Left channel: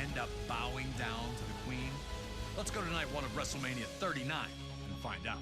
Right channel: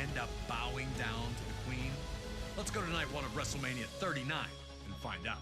end up bowing down to the Queen? Let's go to night one of WrestleMania 39 and find out.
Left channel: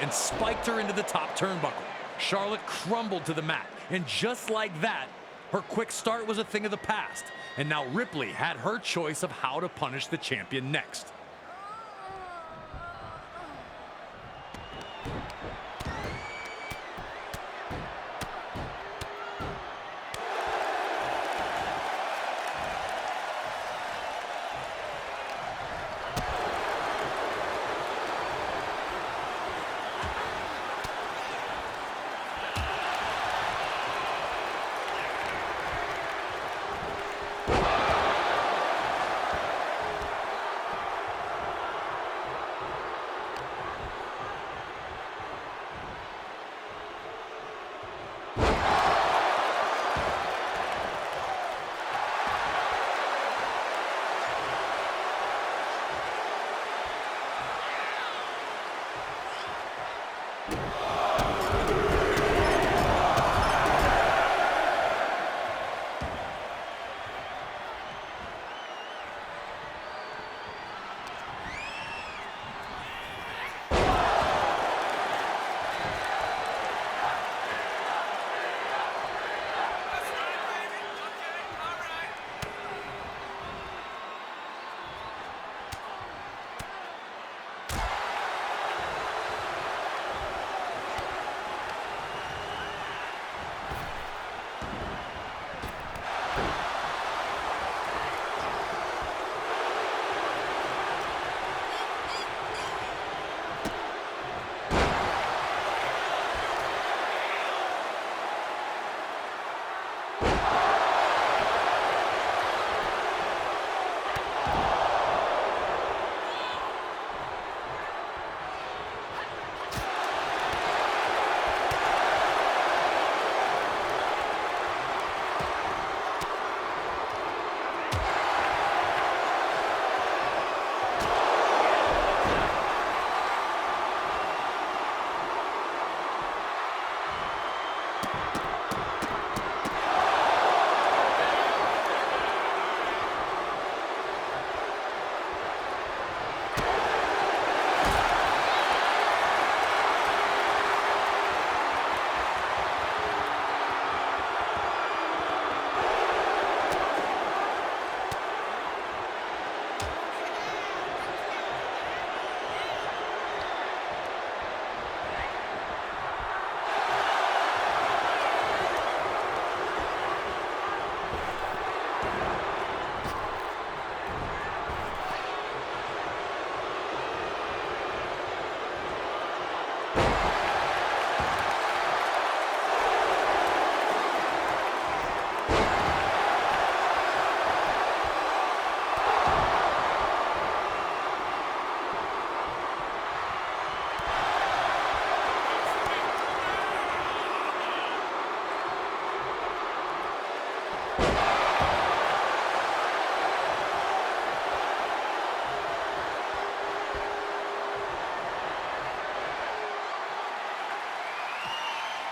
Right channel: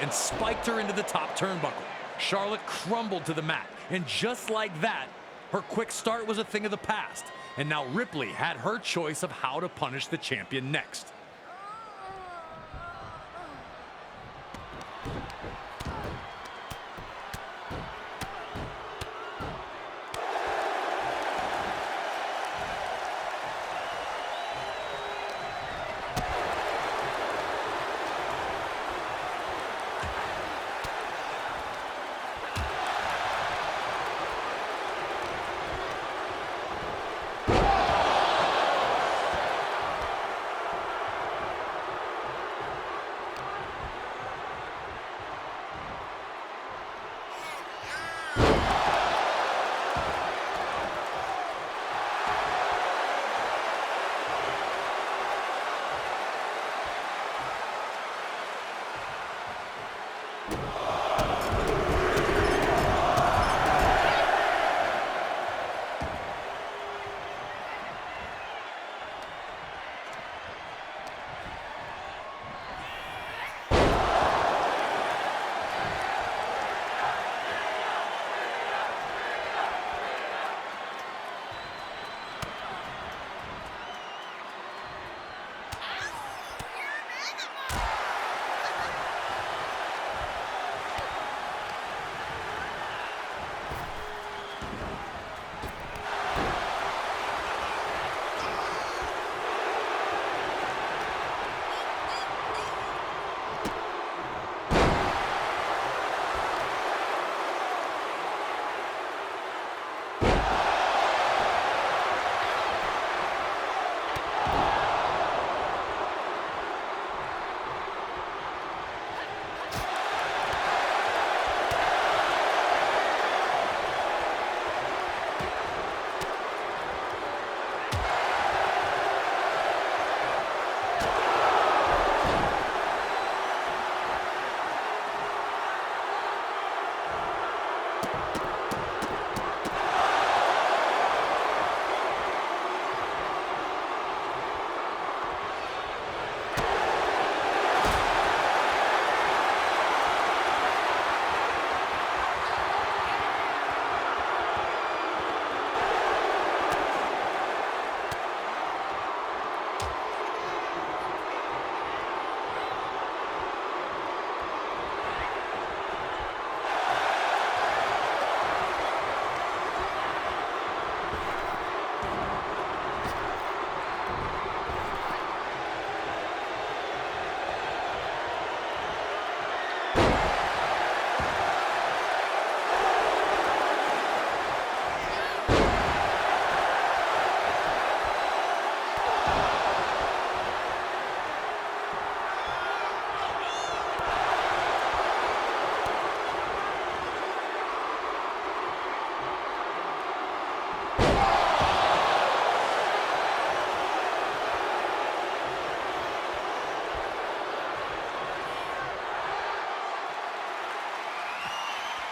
And spiked her into the top turnbuckle. Charlotte crumbled to the mat, and just like that, her quick start was a thing of the past, and now Ripley had her choice of how to punish the champion next.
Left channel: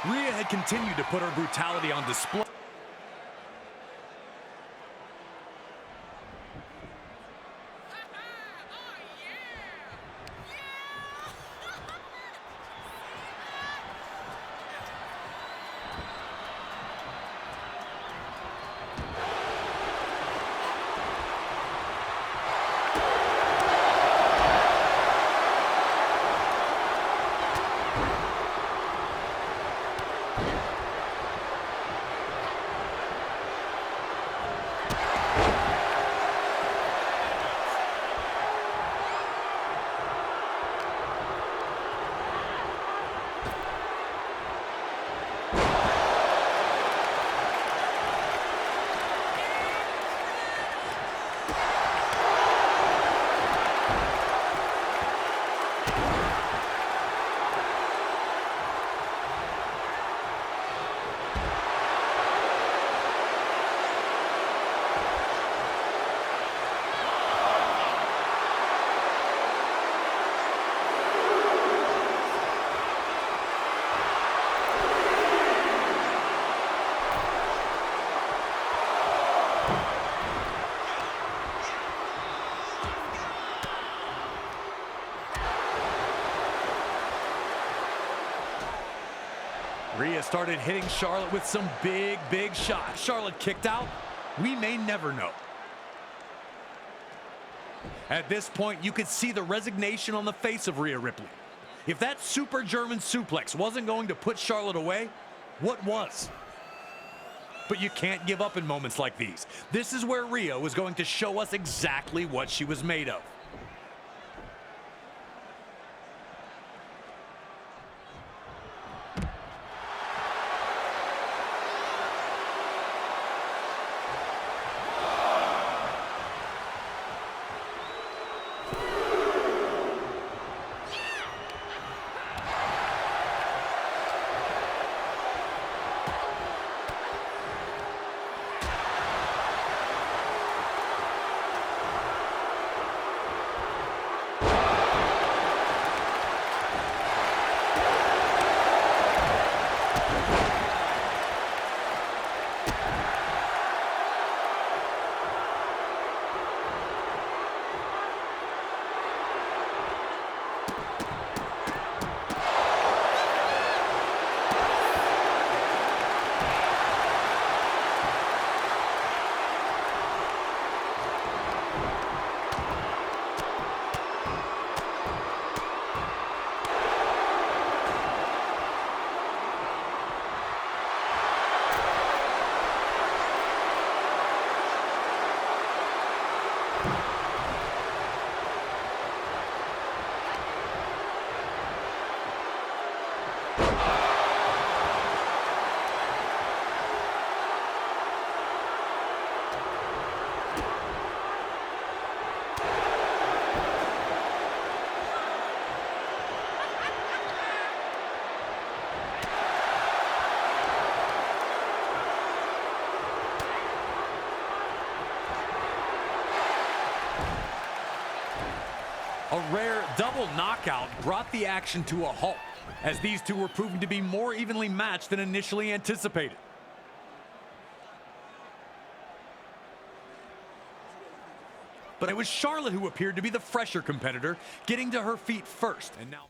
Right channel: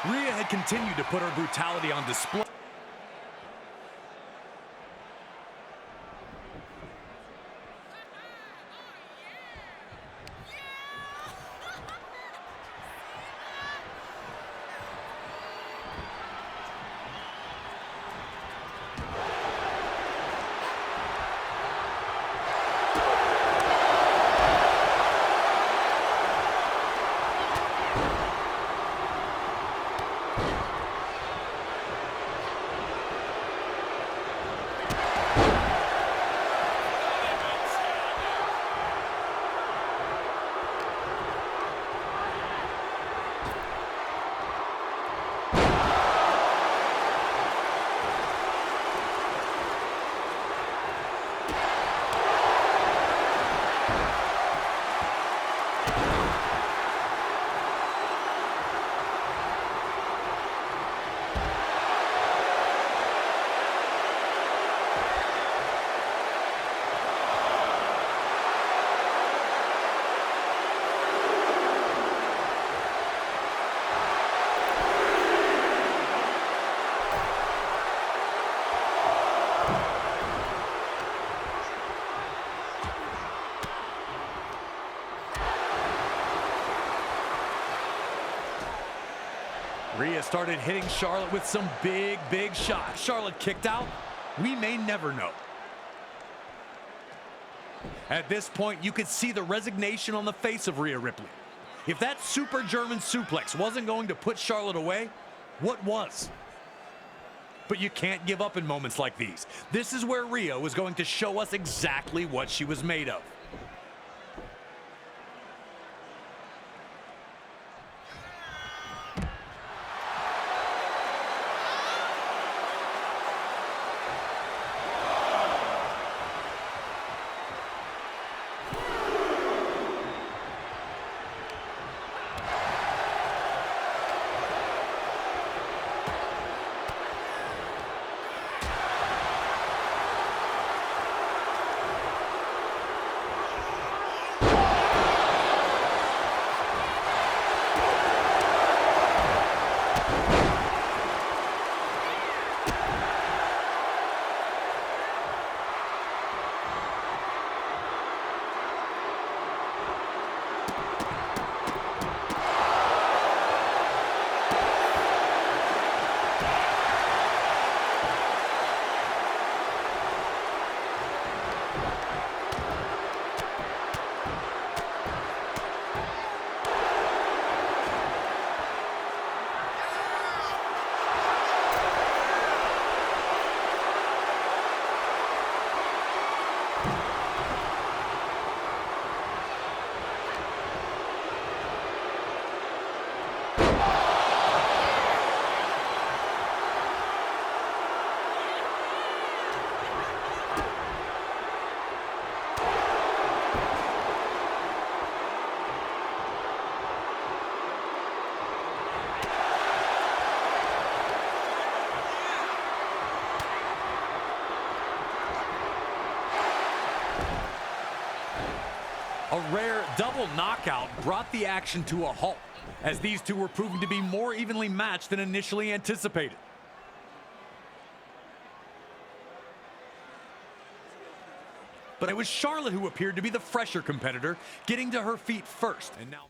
Rhea had continued to put her brutality on display. Rhea started hitting Charlotte with some big shots. Charlotte kicked out. We may never know. At this point, you could see the resignation on the face of Rhea Ripley. If that super German suplex wasn't going to put Charlotte away, what was? But you can't give up in moments like these. This is where Rhea was going to show us exactly what she was made of. A rare double knockout brought the action to a halt, as these two were proving to be more evenly matched than initially anticipated. But it was Charlotte who appeared to be the fresher competitor, getting to her feet first. And now